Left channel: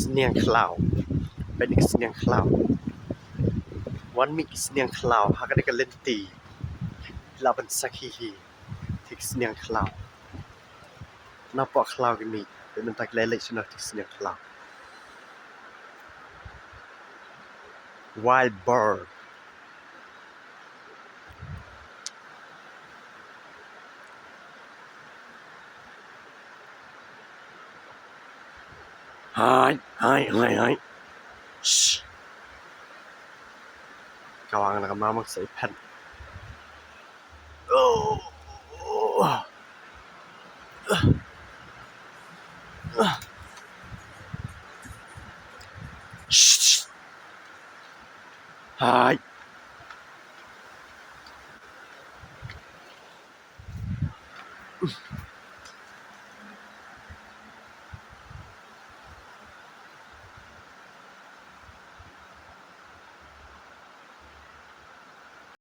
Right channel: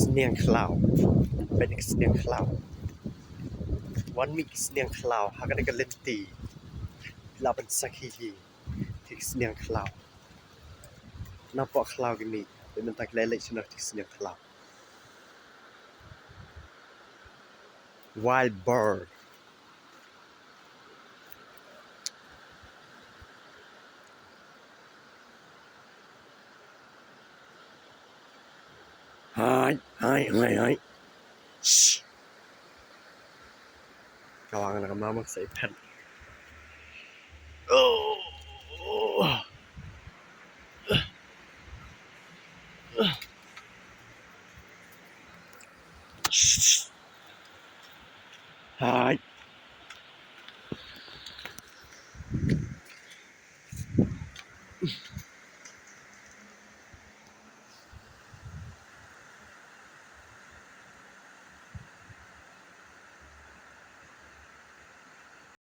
sniang khlawเป็นอีก sniang khlaw วันมี sniang khlaw หากได้กันเล่นตีเราเป็นสักฮีที่ sniang khlaw นับว่า khlaw กันนี่เป็นมันตักเล่นเลยชนะที่ sniang khlaw wild bird Hi shh กำลังนะครับมาใส่แผ่นHi